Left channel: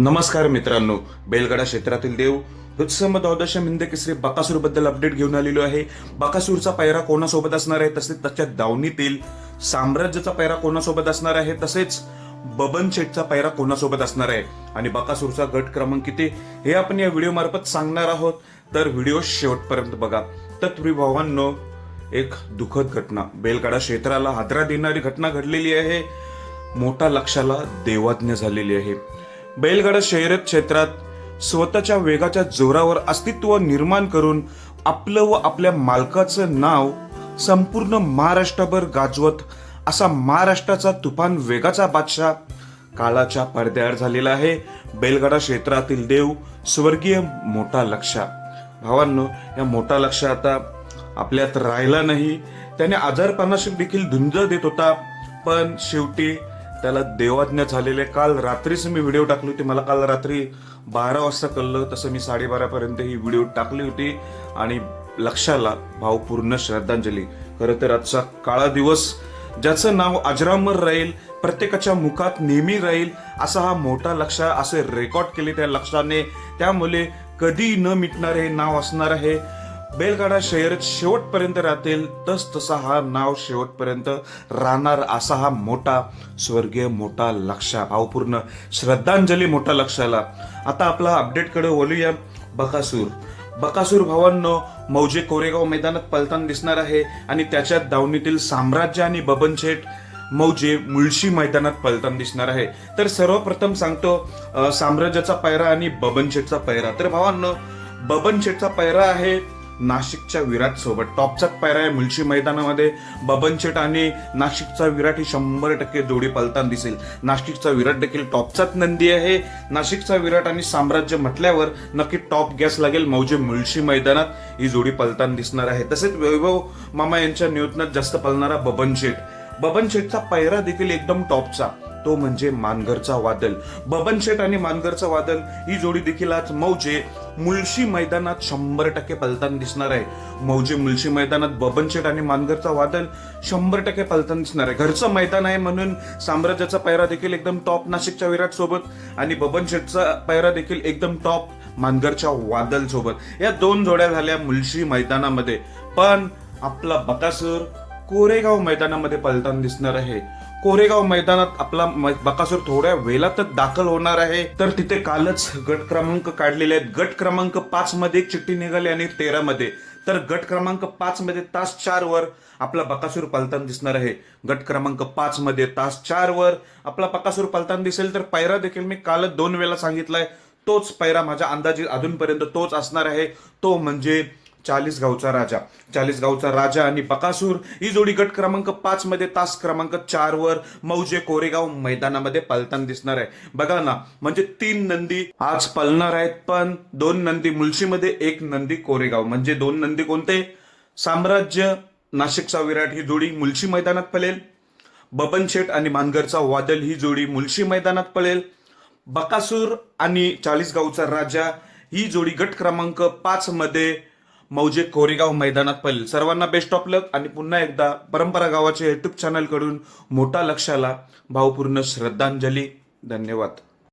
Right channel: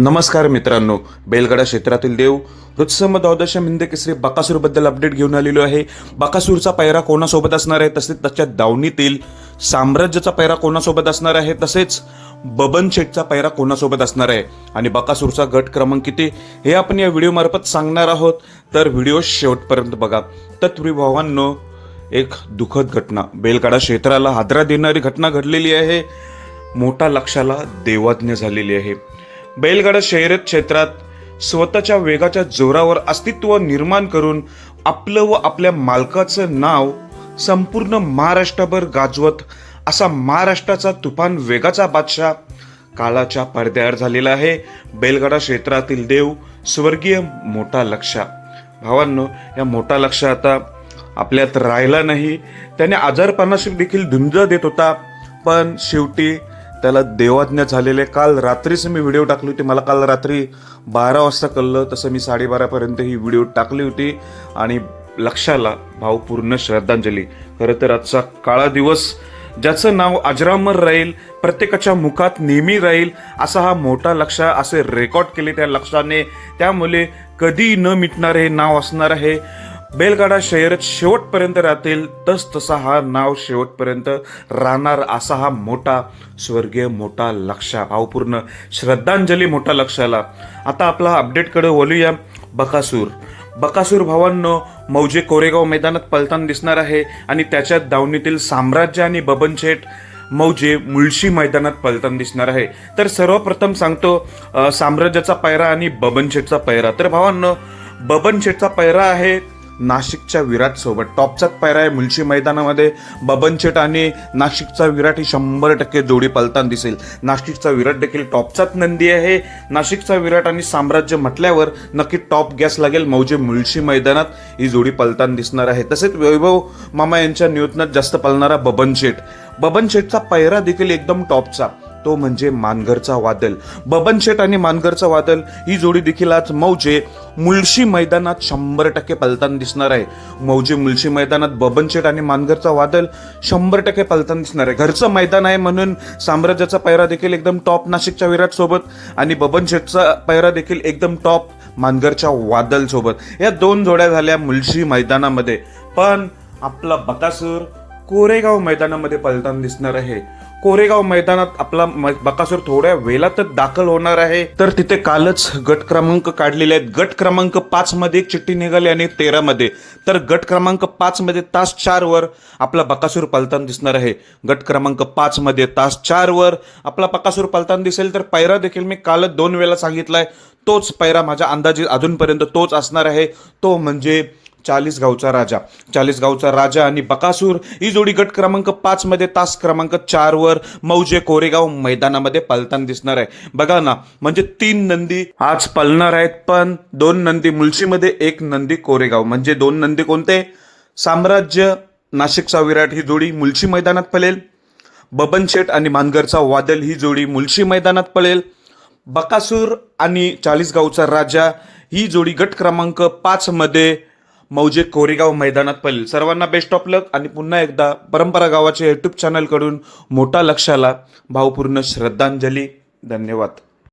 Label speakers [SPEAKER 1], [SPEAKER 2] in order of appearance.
[SPEAKER 1] नमस्कार मित्रांनो. बेलगडा क्षेत्रातील देव हृत्सम द्वादश हिंद केसरी बकासूरबद्दल अपडेट घेऊन आलेलो आहे. बकासूरचा पैरा कोणासोबत असणार आहे? तसेच त्याच्या दावणीतील साम्राज्याचा पैरा कोणासोबत असणार आहे? तसेच बबन शेठचा पैरा कोणासोबत असणार आहे? आणि बकासूरचा गट क्रमांक किती? हे आपण या व्हिडिओमार्फत सांगणार आहोत. तर व्हिडिओ शेवटपर्यंत बघा. तत्पूर्वी भावांनो एक दुःखद घटना. बेलगाडा क्षेत्राला हादरा देणारी घटना घडलेली आहे. मोठा लक्षाला देवाज्ञ झालेली आहे. बैलगाडा शहरत क्षेत्रात स्वतःच्या वेगाच्या जोरावर अस्तित्व निर्माण करून आपलं व आपल्या मालकाचं नाव संपूर्ण महाराष्ट्रभर गाजवत असा महाराष्ट्राचा तुफान वेगाचा बादशाह काळाच्या पडद्यावर झालेला आहे. बैलगाडा क्षेत्रातील देव स्वर्गीय मोठा लक्षा भावांनो या मोठा लक्ष आता आपल्यात राहिला नाही. त्याने आजारपणाशी देखील धुंज देत होता पण शेवटी त्याला देवाज्ञा झालेले. काल रात्रीच मी व्हिडिओ टाकली होती. मला काल रात्री बारा वाजता कळलं. तसं मी साडेबारापर्यंत ही व्हिडिओ टाकली होती. आणि लक्षाला भावपूर्ण श्रद्धांजली. खरं तर आजचा काळा दिवस ज्याचं नाव अजरामर राहील प्रत्येकाच्या मुखात नेहमी राहील असा हा मोठा लक्ष असे रेकॉर्ड केले त्या लक्षाने. त्यामुळे कधी न मिटणारे हे नाव असणार आहे. बेलगाडा शहरात शेवटपर्यंत राहतील तस तसा हा नाव शेवटपर्यंत राहणार असा हा मोठा स्वर्गीय मोठा लक्षा भावपूर्ण श्रद्धांजली मोठा लक्षाला. आता आपला अपडेटकडे बोलूया बकासूर. बकासूर भावांनो मौजे कोरेगाव मैदानात पलताना दिसणार आहे आणि त्याच्या दावणीतील साम्राज्य आणि बबनशेठ मौजे मुळशी मैदानात पलताना दिसणार आहे. तर सर्वप्रथम सांगतो साम्राज्याचा पायरा आणि बबनशेठचा पायरा तर भावांनो बबनशेठचा पायरा आहे नाशिकच्या विराट सोबत. टॉपचाच पैरा आहे मुळशी मैदानामध्ये. बबन आणि नाशिकचा विराट ही शंभर टक्के जोडी पलताना दिसेल. नाशिकचा विराट देखील टॉपचाच नंदी आहे. नाशिकचा विराट आणि साम्राज्य म्हटल्यावर नक्की टॉप गॅस लागेल मौजे मुळशी मैदानात. ही जोडी पलताना दिसणार आहे. तसेच वैभव मामा यांच्या नियोजनात जास्त पलणारा बबन बबनशेटचा बबन पैरा देखील एकदम टॉपचा. तो म्हणजे मानगरचा वादल. बबनशेट आणि मानगरचा वादल ही जोडी देखील आज मौजे मुळशी मैदानात शंभर टक्के पलताना दिसणार आहे. मौजे मुळशी मैदानात बबनशेट आणि मानगरचा वादल शंभर टक्के पलताना दिसणार आहे. घरचं मैदान आहे म्हणून साम्राज्याचा पैरा देखील एकदम टॉप नाशिकच्या विराट सोबत आणि बबनशेटचा पैरा देखील एकदम टॉप मानगरच्या वादल सोबत या दोन जोड्या झाल्या मुळशी मैदानामध्ये. पण आपला बकासूर कोरेगाव मैदानामध्ये पलताना दिसणार आहे. कोरेगाव मैदानात आपला म- बकासूर थोड्या वेळातच दाखल होणार आहे. तर तिथे कालच गट क्रमांक काढलेले आहेत. गट क्रमांक पाच मध्ये एक चिठ्ठी निघाली आणि तेरा मध्ये. तर गट क्रमांक पाच मध्ये तास चार वर आपला बकासूर पलतान दिसणार आहे. गट क्रमांक पाच मध्ये तास चार वर आपला बकासूर पलतान दिसेल. तर पैरा देखील मी कालच दोन वेळा सांगितलाय. तोच पैरा माझ्या अंदाजे अजूनपर्यंत तोच असणार आहे. तो म्हणजे चाळीस गावचा राजा. चाळीस गावचा राजा आणि बकासूर ही जोडी गट क्रमांक पाचमध्ये तास क्रमांक चारवर मौजे कोरेगाव मैदानामध्ये पालताना दिसणार आहे. बघा ना म्हणजे तीन नंदी आज पालणार आहेत पण दोन नंदी मुलशीमध्ये एक नंदी कोरेगाव. म्हणजे दोन नंदी कोणते? साम्राज्य नाशिकचा विराट ही जोडी मुलशी मैदानात पळेल. बबन शेठ आणि मानगरचा वादल ही जोडी मुलशी मैदानात पळेल. बकासूर आणि चाळीसगावचा राजा ही जोडी गट क्रमांक पाचमध्ये मौजे कोरेगाव मैदानात पडेल. सर्वांना बेस्ट ऑफ लक आणि पुन्हा एकदा परंपरा गावाच्या यूट्यूब चॅनलकडून मोठा लक्षाला भावपूर्ण श्रद्धांजली. धन्यवाद.